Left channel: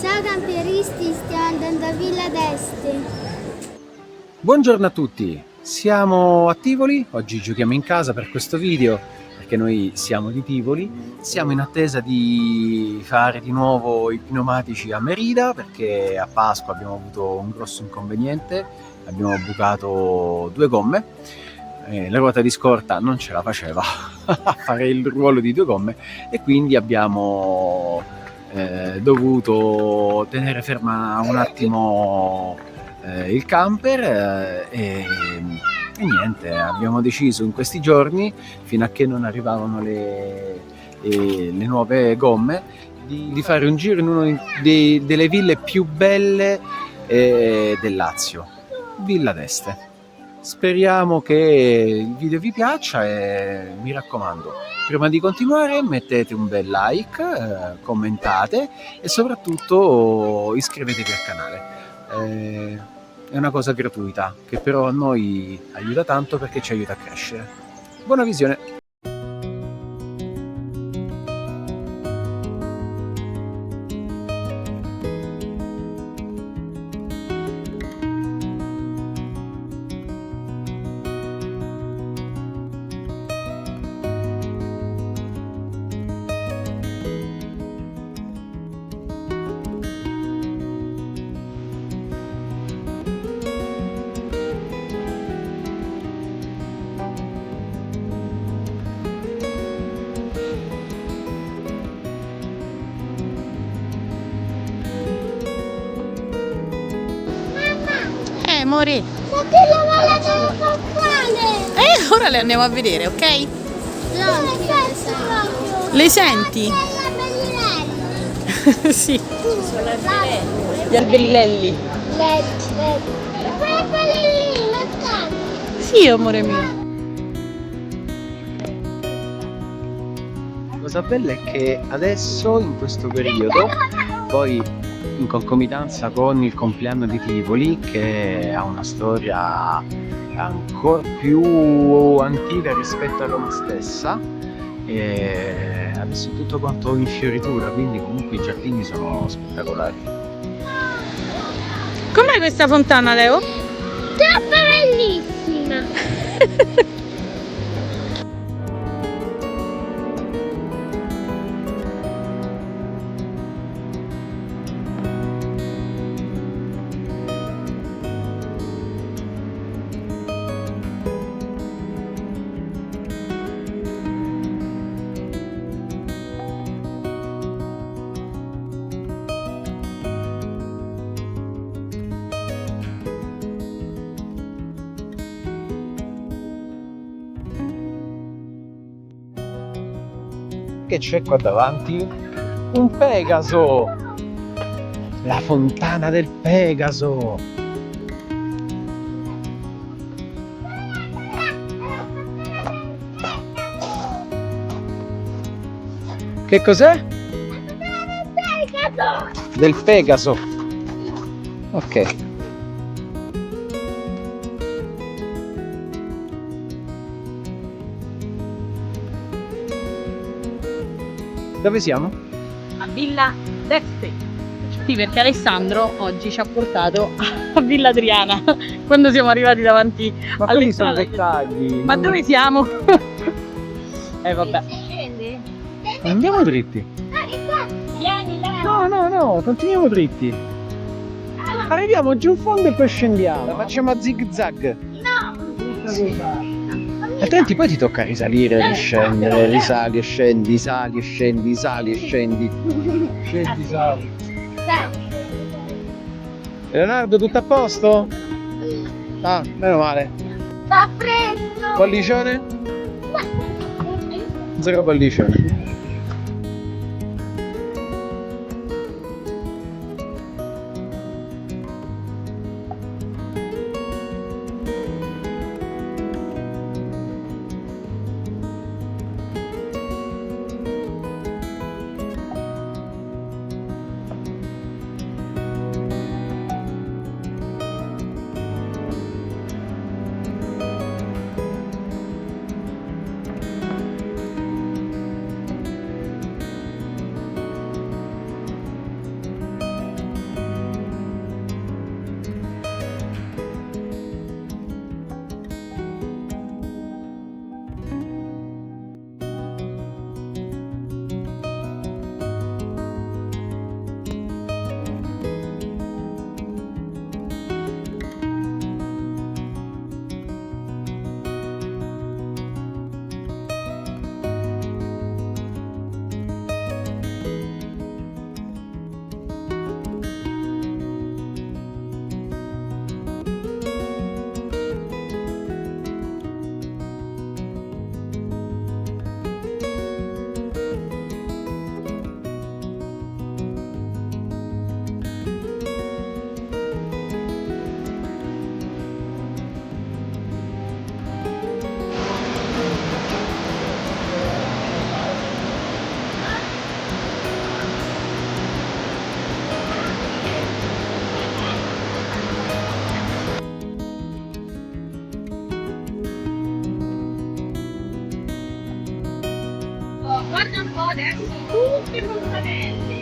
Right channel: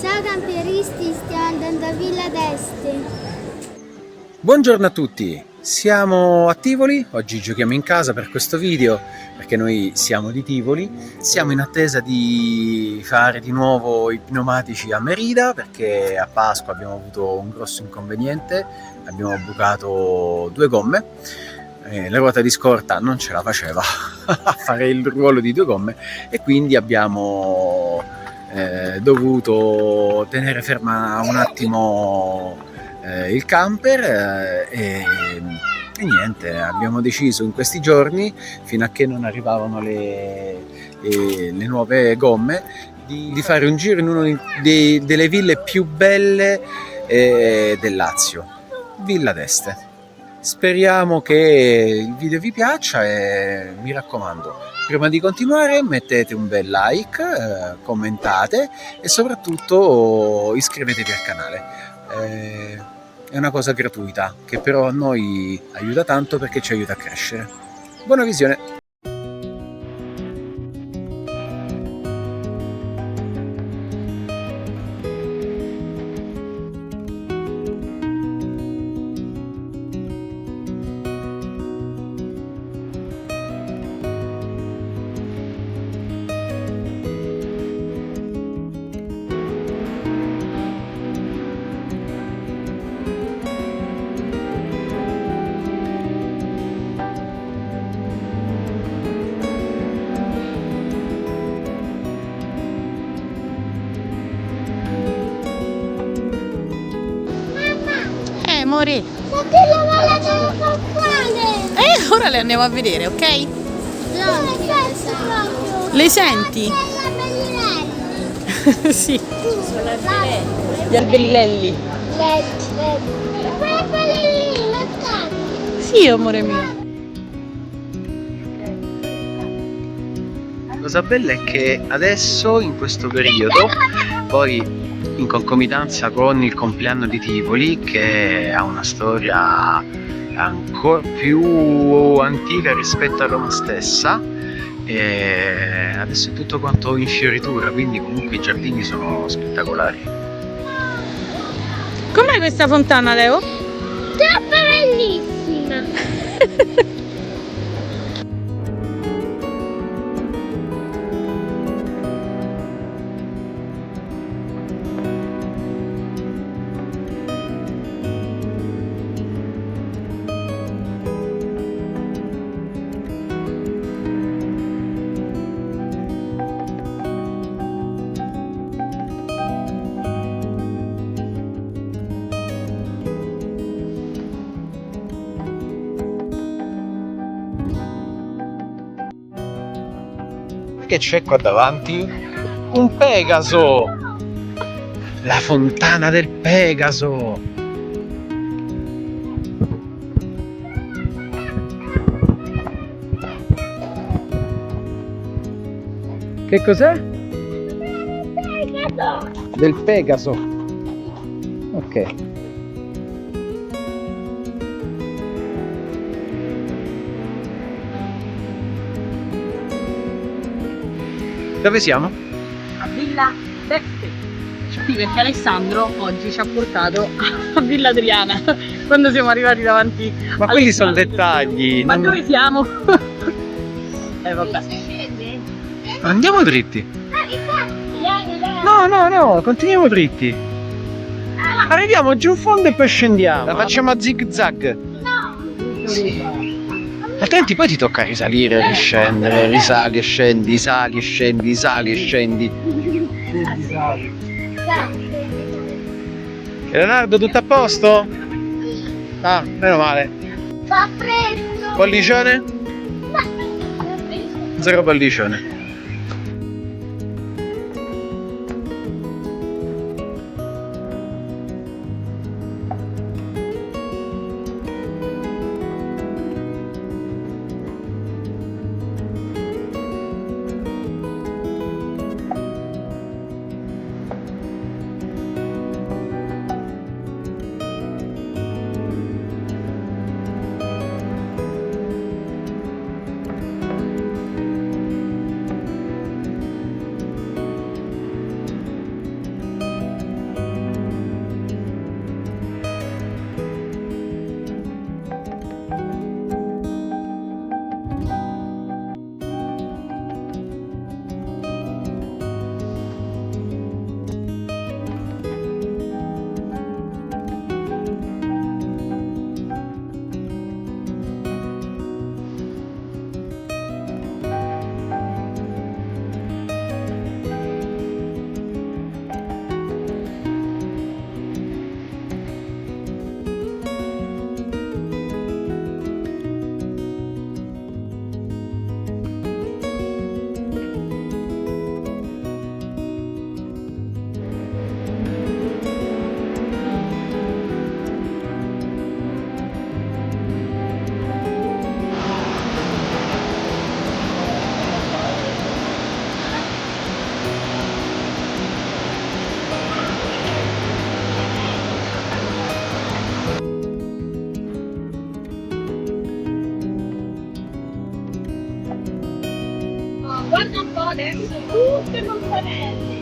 Ciao campieristi, stiamo andando a Villa d'Este. Buongiorno a tutti, siamo a Tivoli, oggi giochiamo in casa per questo video perché noi siamo di Tivoli, siamo in attesa di fare di nuovo i pneumatici a Merida perché a Pasqua abbiamo avuto un grosso inconveniente, abbiamo bucato 2 gomme, la ruota di scorta non ce la faceva a fare il ruolo di 2 gomme e quindi abbiamo dovuto tenere ferma un attimo il camper e niente, abbiamo deciso in questi giorni, fino a che non arrivavano le nuove gomme, di fare un giro in una delle ville più belle del Lazio, Villa d'Este. Speriamo che il video vi piaccia e mi raccomando, prima di continuare mettete un bel like, commentate e soprattutto iscrivetevi al canale. È una cosa gratuita che però a noi aiuta tanto perché ci aiuta a crescere. Buona visione! Amore, Ma che la mala del papale! ora le andiamo a vedere, ok? Non ti proprio. Le senti? La bellinelli. Sì. Sono Gli albellelli. Quelli lì, lo stanno. Sì, amore mio. La cosa bella è che adesso, in questo periodo, poi in concomitanza con il compleanno di Tivoli, che ha una storia ancora più antica rispetto a Roma stessa, e adesso è tutto quanto in fioritura, quindi comunque i giardini sono spettacolari. Com'è questa fontana, Leo? Troppo bellissima. Che c'è qua davanti? Un Pegaso! La fontana del Pegaso! Che cos'è? Del Pegaso! Ok. Dove siamo? A Villa d'Este. Sì, perché Alessandro oggi ci ha portato a Villa Adriana quando siamo arrivati davanti. Ma quelli sono dettagli. Ma non- dove siamo? Vabbè. Andiamo dritti. No, continuiamo dritti. Arriviamo giù in fondo e poi scendiamo. La facciamo a zig zag. Sì. Altrimenti poi ti tocca risalire, riscendere, risali e scendi, sali e scendi, sali e scendi. Scendi, sali. Leonardo, tutto a posto? Ah, meno male. Fa freddo. Pollicione? Zero pollicione. adesso tutte fontanelle.